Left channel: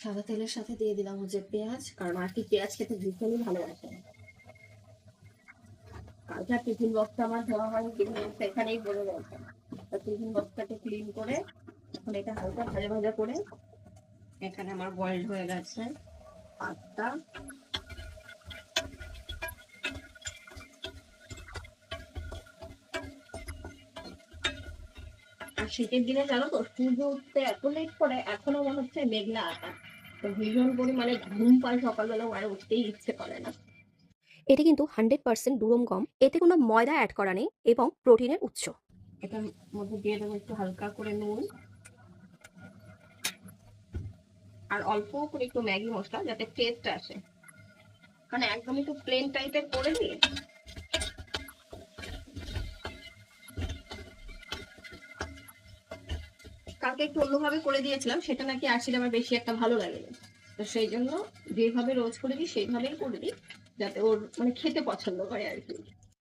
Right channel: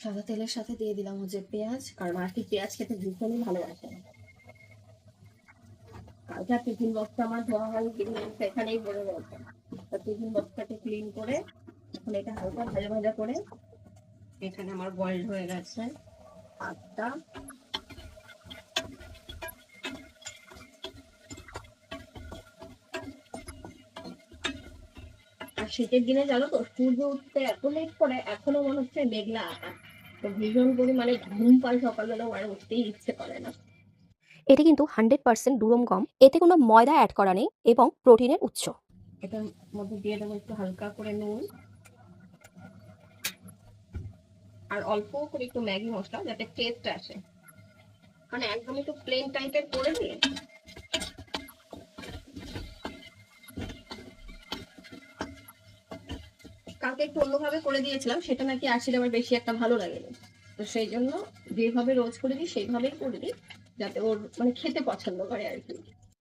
সাদা তেলের সাথে দিয়ে দিলাম হচ্ছে পেঁয়াজ, কারণ আর কি পেঁয়াজ খেতে ভীষণই ভালোবাসে। কালকে টিফিন বক্সটা আমার ধোয়া হয়, টিফিন বক্সটা এখানেই পড়ে রয়েছে। টিফিন বক্সটাকে ক্লিন করে এখন এটা হালকা ভাজা ভাজা করে এখানে আমার বয়েলড হয়ে গেছে পাঁচটা। আর শীতের দিনে জানো তো সূর্য উঠতে এত লেট করে, এখনো মনে হচ্ছে মেঘলা আকাশ, তো ভীষণ পরিমাণে ঘুম পায় সকালবেলা, আর উঠতেই ইচ্ছে করে না। এটি কিন্তু 100% দুরম গম, এতে কোনো ময়দা অ্যাড করা নেই এবং প্রোটিনের উৎস। এটার মধ্যে দিয়ে দেবো একটু হালকা করে নুন আর অল্প করে একটু ম্যাগি মশলা, যাতে টেস্ট আসে। মানে একদম একটু প্লেন টাইপের করে দিয়ে কালকে একটু অন্যভাবে করে দিয়েছিলাম, সেটা নাকি আশির আমার বেশি একটা ভালো লাগেনি। তো সেই জন্য যেভাবে রোজ করে দিই সেইভাবেই করে দিই, যাতে ওর মানে খেতে পছন্দ করে আর কি।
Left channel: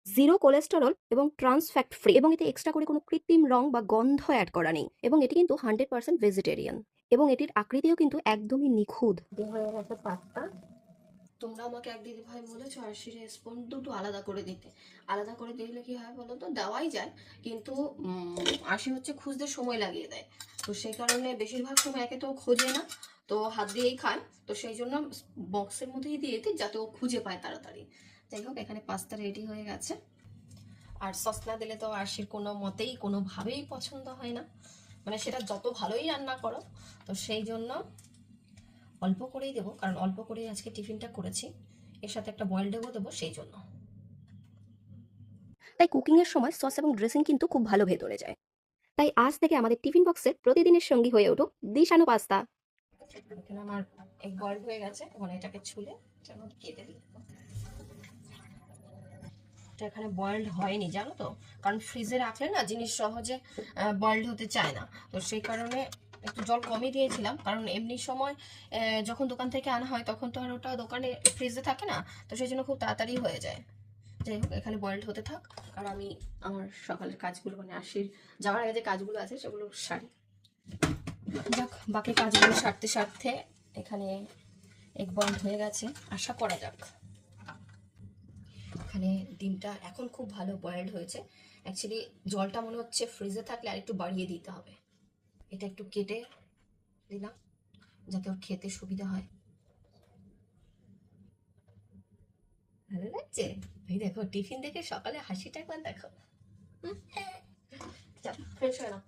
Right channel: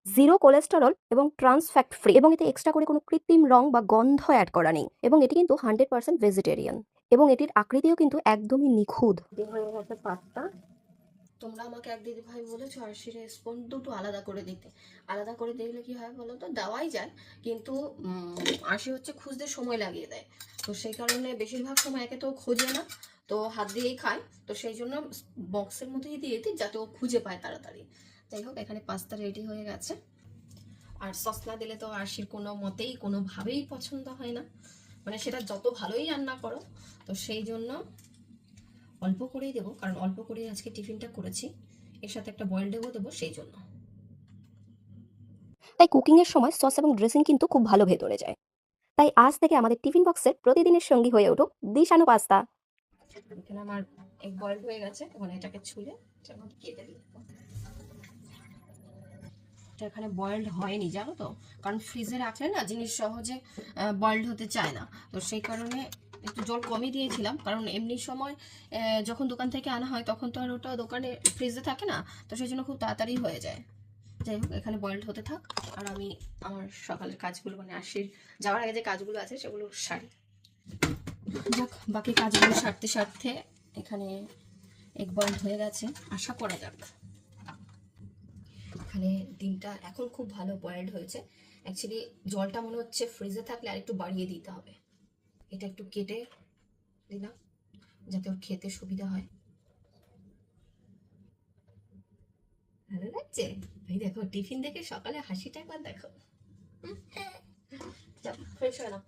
জিরো কোলেস্টেরল এবং ট্রান্স ফ্যাট ফ্রি, এবং এতে এক্সট্রা করে কোনো কৃত্রিম রং বা গন্ধ অ্যাড করা নেই, এবং এটি কিন্তু 100% ভেজিটেরিয়ান, এবং এটির আকৃতিও কিন্তু একদমই নিখুঁত। হয়ে গেছে পাঁচটা। তোমরা আমাকে এক দিদি ভাই বলেছো আরশির স্পুন দুটো আলাদা করে দিতে। আলাদা করে দিলে কি হয় বলো তো, দেওয়াই যায় কিন্তু আরশি হচ্ছে খুঁজতে সময় লাগিয়ে দেয়। তো সেই কারণে বেশিরভাগ সময় একে তো খোঁজে না, তো হাত দিয়েই খায়। তো সেই জন্য বক্সের মধ্যেই দিয়ে দিই যাতে ও খুঁজে পায় তাড়াতাড়ি। যাই হোক, এখানে পাস্তা রেডি হয়ে গেছে। আর সস না দিলে তো আরশির কোনো মতেই কোনোভাবেই পছন্দ হয় না, মানে সেটা যত ভালোই রান্না করো। তো সেই জন্য অল্প করেই দেবো, কারণ অল্প করেই আজকে টিফিনটা করেছি, এর সাথে একটা বয়েল দেবো সেই জন্য। তাই কুকিংয়ের সময় সস এবং ড্রেসিং কিন্তু খুব ভালো ভেতরে যায়। তাই আজ থেকে আমাদের টিফিন বক্সের প্রতিদিনের সঙ্গী হয়ে উঠুক দিশানো পাস্তা। এখানে আমার এগ বয়েল হয়ে গেছে, এখন এটাকে ছুলে কেটে দিই। এটা এখানে বয়েলড হয়নি জানো তো, কারণ ফ্রিজে রাখলে না জিনিস সহজে বয়েলড হতে চায় না। তো সেই কারণে একটু জল কমই দিয়েছিলাম, কারণ এমনি সময় যখন দোকান থেকে আনা হয় তখন তো আর ওটা দোকানে ফ্রিজে থাকে না, তো সেই জন্য খুব তাড়াতাড়ি হয়ে যায়। যাই হোক, এখানে বয়েলড হতে থাক, আর আমি আমার সকালের কাজগুলো মানে আশির যাওয়ার আগে যে কাজগুলো আছে সেগুলো সারি। যাক, বাকি কাজগুলো সারতে সারতে এখানে এগ বয়েলড হয়ে গেছে, আশা করা যাক। এখানে ডিমটা এখন খুব ভালো বয়েলড হয়েছে। অ্যাকচুয়ালি জলটা মনে হচ্ছে ফ্রিজে থাকলে আর একটু বাড়িয়ে দিতে হবে। এটা একটু কেটে দিলাম যাতে ওর খেতে সুবিধা হয়। ভালো লাগছে? এই দেখো, টিফিন দেখে সকালে হাসিটা একবার দেখো। ফ্রেশ হয় না,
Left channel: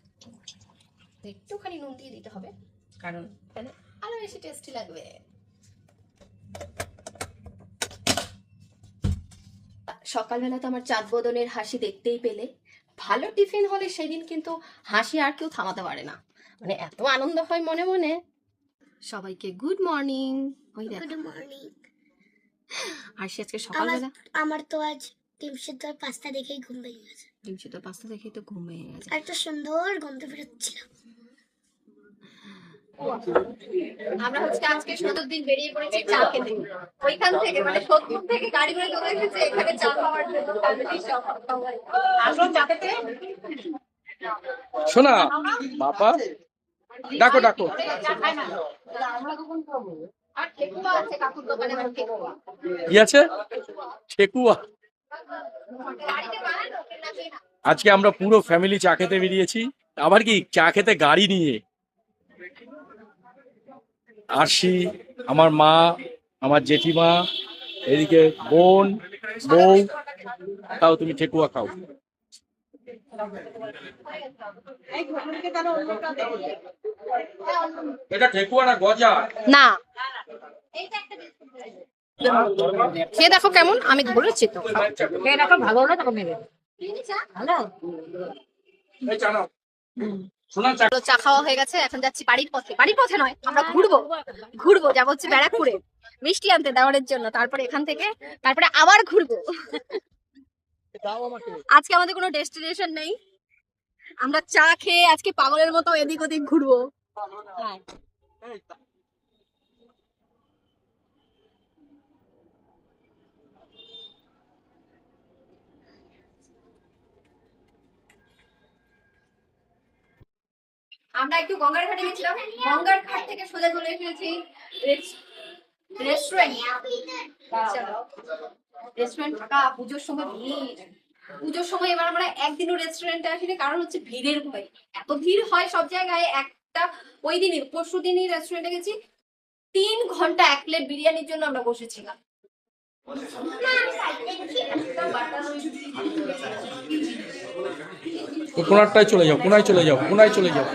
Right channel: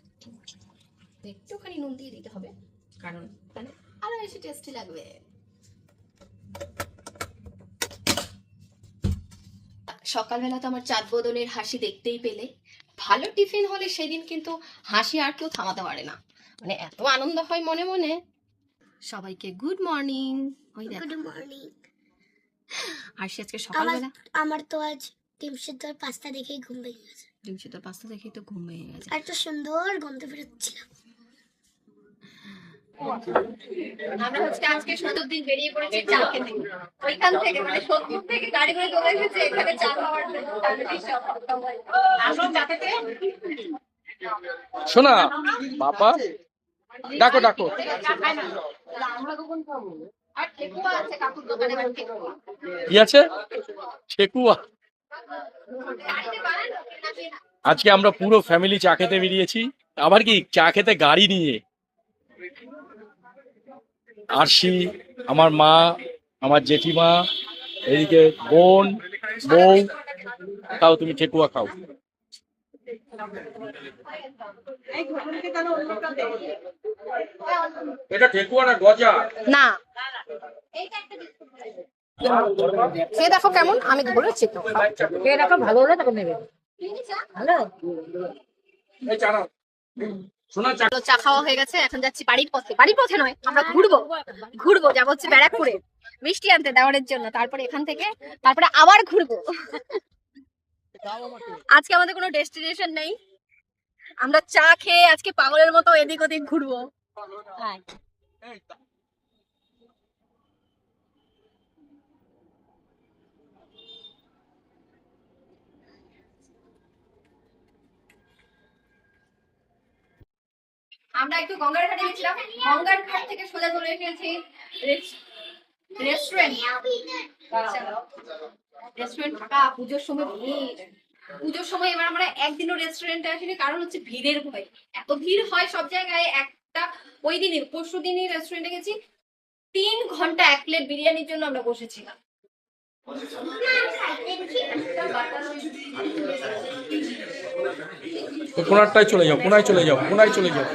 একটুখানি নুন দিয়ে দিতে হবে, কারণ আরো বেশি টেস্টি লাগবে। সকালবেলা তো আমার চাঁদ বদনের হাসি দেখতেই পেলে। ভালো টিফিন হলে সেদিন কিন্তু হাসি আর কেউ থামাতে পারে না, মানে এত আনন্দ হয় মনে মনে। সবাইকে গুড মর্নিং। ওই দেখো, গুড মর্নিং। হাসি আজকে সকালবেলা আমার তো আজ ডিম সিদ্ধ আর পাস্তা দেখেই ঘুম ভেঙে গেছে। ডিম সিদ্ধ পাস্তা দেখেই তো ঘুম ভেঙে গেছে। আর একটা সুন্দর গন্ধ বেরোচ্ছিল। আমরা হচ্ছে আজকে ৭০ দিন বেরিয়ে পড়েছি চা খেতে। ওইখান থেকে মানে ৭০ থেকে গাড়ি করে চলে এসেছে এখানে চা খাওয়ার জন্য। আসো চা খেতে। শোনা বাবা, ডাকো ডাকো। আর ঠেকুয়া আছে কাকুর দোকানে, ঠেকুয়া। কি আছে? ঠেকুয়া। আজকে আমরা পুরো ফ্যামিলি চা খেতে বেরিয়েছি, আবার কি চা খেতে গাড়ি নিয়ে। আরশি, আমার মা, আমার জেঠিমা, এদিকে বোন, বউ। খাও তুমি ঠেকুয়া খাও। এটা ঠেকুয়া না গজা? না, খেয়ে দেখো কেমন, আমি ধরেছি তো। খেয়ে দেখো, ভালো হলে তখন নেবে। চা খাওয়া হয়ে গেছে, এখন যাচ্ছি বাড়ির পথে। বাড়ির পথে নয়, আমরা ঘুরবো ঘুরবো, যাবো হচ্ছে ব্যারাকপুরে মিষ্টি আনতে দেওয়ারের জন্য। তারপরে এখান থেকে তারপরে আবার ঘুরবো। আজকে আমাদের কোনো ডেস্টিনেশন নেই, আমরা চা খেয়ে আজকে পাগলের মতো এদিক ওদিক ঘুরবো। আমরা একটু গঙ্গার ঘাটে গেছিলাম, গঙ্গার ঘাট থেকে সোজা চলে এসেছি রেস্টুরেন্ট। রেস্টুরেন্ট ফাঁকা, পুজোর সময় ভিড়। পুজোর সময় এবার আমরা একদিনও রেস্টুরেন্টে আসিনি, কারণ হচ্ছে ভিড়ের ভয়। এত ভিড় হয় সব জায়গায়। একটা ওই দিনই পরশু দিনই রেস্টুরেন্টে গেছি, 3 ঘন্টা 1 প্লেট বিরিয়ানির জন্য আমরা বসেছিলাম। তো কোনারটায় চলে যাও, কোনায় চলে যাও, কোনায় চলে যাও।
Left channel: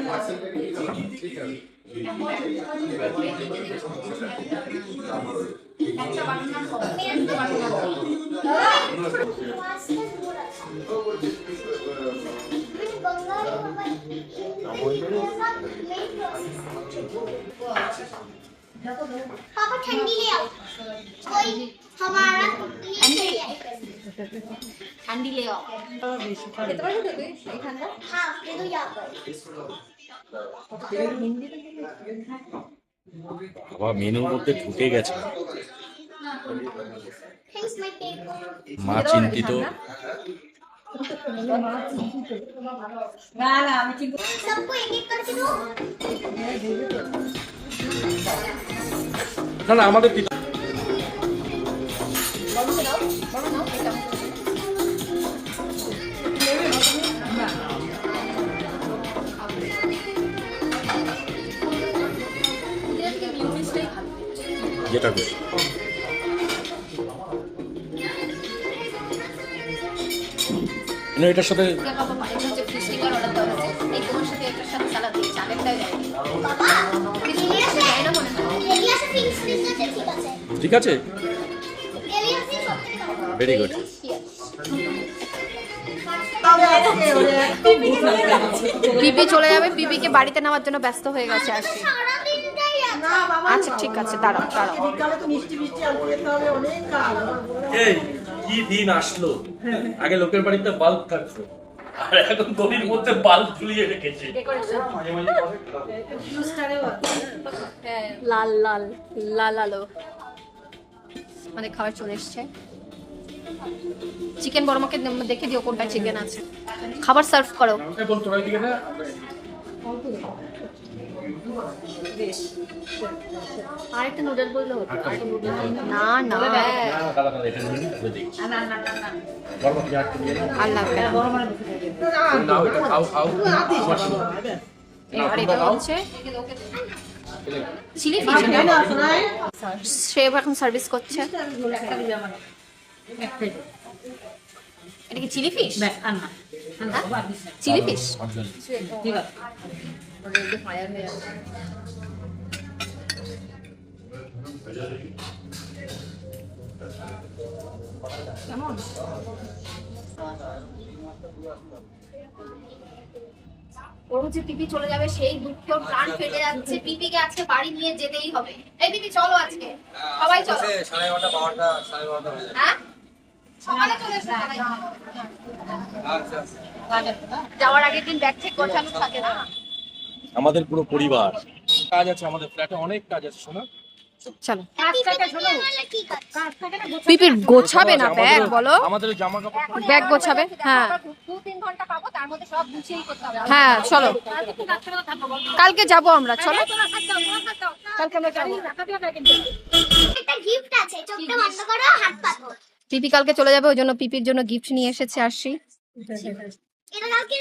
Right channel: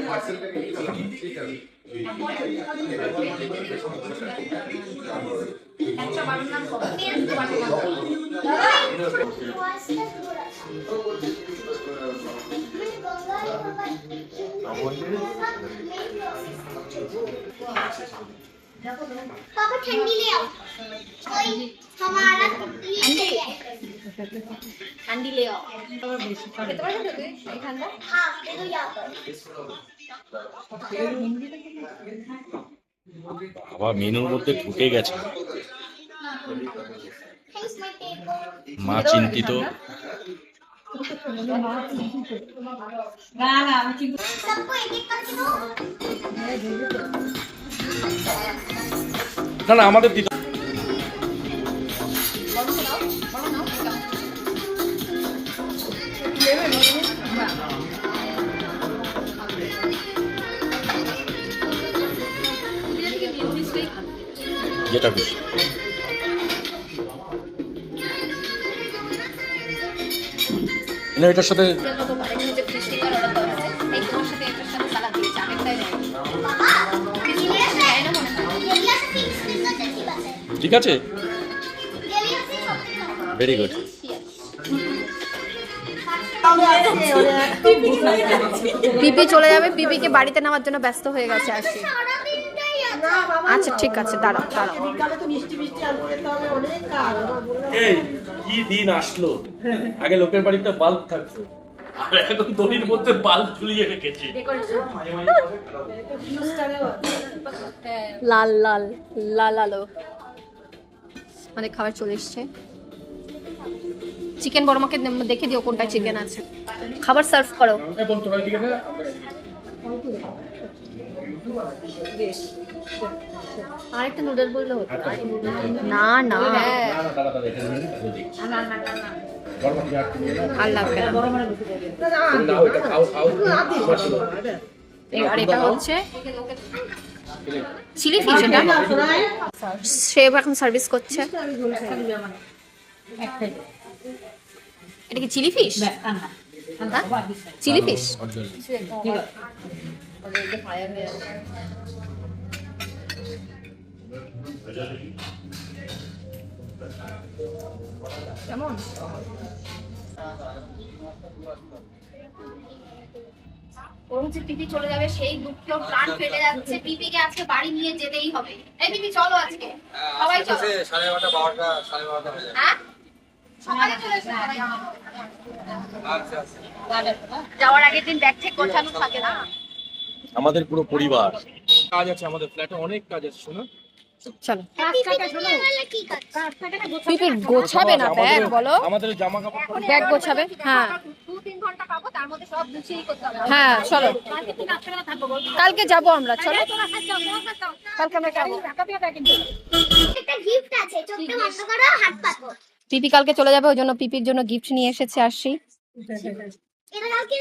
पापा ठंडी ले आओ कोई हमारा ঠান্ডি লে খেতে পারবি তো তুই এখানটা? हाँ दे दो यहाँ पर বাবা মেনুর মধ্যে ঢুকে গেছে, थैंक्स माय टेबल মা চিন্তিত। सबको एक एक करके दो না না আমাদের দিতে যেটা খুশি। এটার সাথে बाबा ये से फिक्स करना चाहिए बस है ঠিক আছে, ये से सबसे ভেরি গুড। পিপি চলে যাবে, পিপিকে বাড়িতে নেওয়ার জন্য ব্যস্ত হয়ে গেছে আরশি। सारा दिनটাই আছে আচ্ছা ঠিক আছে, দাঁড়াও দাঁড়াও। এই কি দিন আসলো, আগে লোকের বাড়িতে বাল্ব থাকতো আর এখন দড়ির মধ্যে বাল্ব ঝুলিয়ে রেখেছে। লাল লাল লাল আলো। আমাদের খাবার চলে এসছে। চিকেন বড় মাকে দেখে দিও কোনটা চিকেন আছে। খাবার সার্ভ করো। এখন তোরা দিকে না আরেকটা নুডল বললে হতো। না না আল্লাহ এবার এটা হচ্ছে চিলি ফিশ। শেফ এখন সার্ভিস করছে। এটা কি চিলি ফিশ? চিলি ফিশ কেমন? ও যে পিপি চলে যাবে সেই দুঃখ, প্রাণ ফেটে যাচ্ছে। পিপিকে আজকে বাড়ি নিয়ে যেতেই হবে। এই পিপি চলো আজকে সবাই চলো। 11:30 12টা 12:30 হয়ে যাবে। হ্যাঁ সকালে চলে এসো। আচ্ছা যাওয়ার আগের দিন ব্যাগ চেক গোছানো থাকে না। আমাদের পুরো পরিবার কাজ আছে, আমাদের ফ্ল্যাটে অনেক কাজ আছে। শোনো চলো কি কাজ পিপি গোছাবে না ব্যাগ, বলো আমাদের জামা কাপড় ব্যাগ গোছাবে। হ্যাঁ 2-3 ঘন্টা পাবো, তার মধ্যে সব গুছিয়ে করতে হবে। হ্যাঁ চলো কালকে যাবো আমরা। চলো কালকে আমরা যাবো। একটা গিফট আছে চোখটা বন্ধ করো হাত পাতো পিপি কালকে চলে যাবে, ওই জন্য পিপির জন্য গিফট নিয়ে এসেছে আরশি। এটা কালকে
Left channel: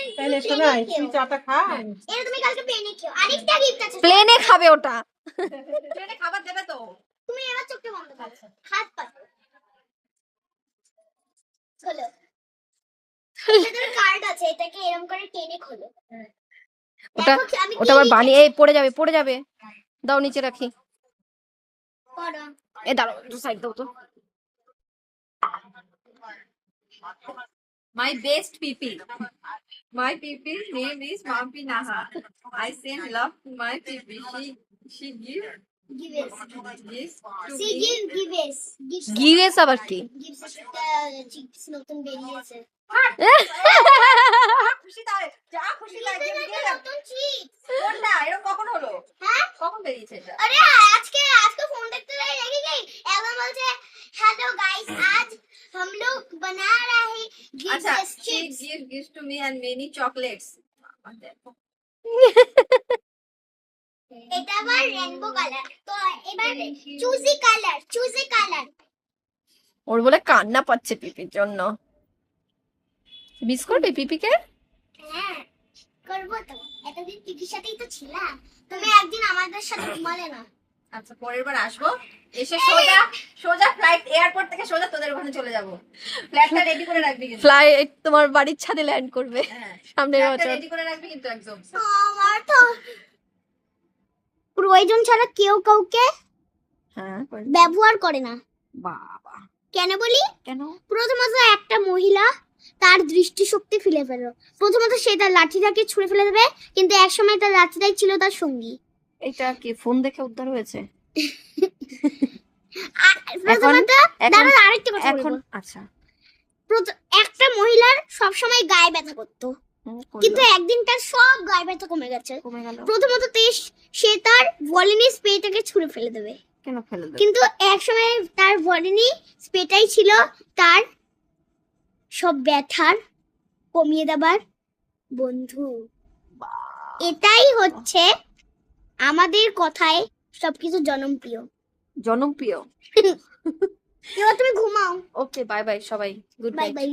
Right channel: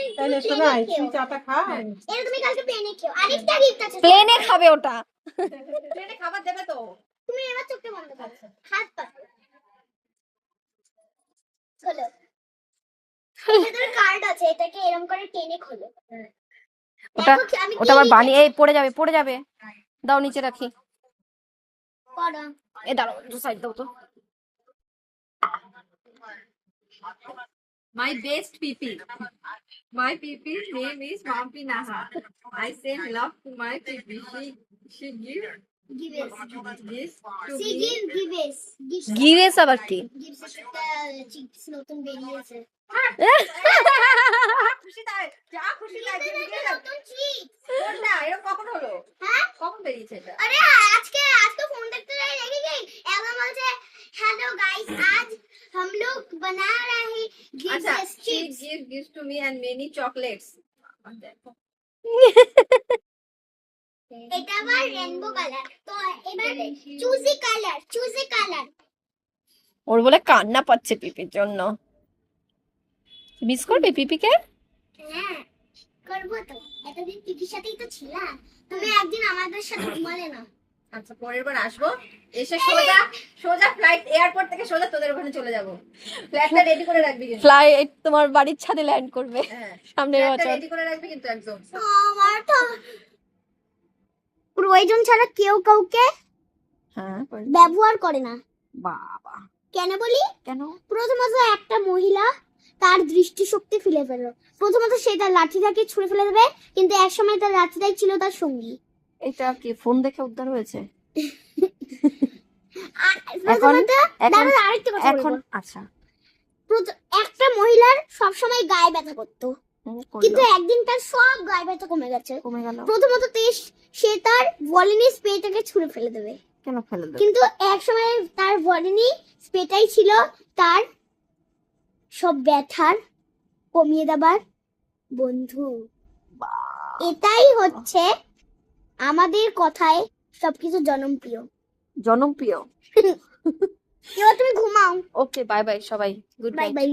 এটা তুমি কালকে প্লেনে খেও। আরেকটা গিফট আছে প্লেনে খাবে ওটা। ট্রেনে খাবার দেবে তো? তুমি এবার চোখটা বন্ধ করো হাত পাতো খোলো। এটার কার্ড আছে, এটাকে এরকম করে টেনে খোলো। ওটা দেখো আমি ওটা আবার বানিয়ে এই পড়ে যাবে, পড়ে যাবে। দাও নিচে রাখি। পড়ো এ দাঁড়াও দু সাইড দাও তো। My best PP. My PP's name is Mampi Naha. I send love to my PP. She gives gives this to see me. Gives gives আবার কি? গিভেস একটা চিপস নতুন বেরিয়েছে খুশি তাই যা খুশি লাগে এটা নতুন চিপস কোনটা এরকম কখন হলো? হ্যাঁ কখন বেরিয়েছে এটা? अरे আজকে ফোন দেখতে দেখি গई একদম বলছে हेलो गाइस आज हम लोग बना रहे हैं আচ্ছা gift she chips gives to me and many chocolates. Rainbow colour. তো এবার চুজি কালার। ওর বলে কান্না পাচ্ছে পিপির জন্য। মিস করবে পিপিকে? হ্যাঁ করবো তো, এতদিন পিপির সাথেই তো ছিলাম, তুমি একদিন আমাদের সাথে ঘুমালে না। আচ্ছা পরের বার আসবো, এসে সোজা সোজা ফ্লাইট এয়ারপোর্ট থেকে সোজা তোদের ওখানে চলে যাবো। ফ্ল্যাটটা রেডি করে রাখবি কিন্তু। ফ্লাইট তোমার বাড়ির ছাদে ল্যান্ড করবে হ্যাঁ সামনের ফ্ল্যাটটা বছর। রেডি করে রাখবি কিন্তু একদম। আমার তো প্রয়োজন ছাড়া কেউ কাউকে হ্যাঁ ব্যবহার করে না। বাবা কেন বলি? কেন? প্রথমত একটা মহিলা তার দৃষ্টিশক্তি ফেলে ফেলো। প্রথমত সে তার লাঠিটাকে ছুঁড়ে ফেলে দেবে, কিন্তু একসময় তার লাঠিটাই ছিল তার সঙ্গী। এটা কি ফোন দেখে উদ্ধার হয়েছে? প্রথমত এখন দাঁড়া আরেকটা কথা এখন বলবো। আচ্ছা একটা মহিলার সবসময় গায়ে ব্যথা করতো, করলো। কিন্তু একদিন তার সব গায়ে ব্যথা কমে গেছে। কমে গেল প্রথমত সে তার ভলিনি স্প্রেটাকে ছুঁড়ে ফেলে দেবে, কেন ফেলে দেবে? কিন্তু একসময় তার ভলিনি স্প্রেটাই ছিল তার সব ব্যথার কমিয়ে দেবার বন্ধু। এটাই হচ্ছে আমাদের কথায় সবকিছু জনপ্রিয়। জনপ্রিয়। এবার তুমি ঘুমাও। ওকে বাই বাই সবাই, গুড বাই নাইট। বাই।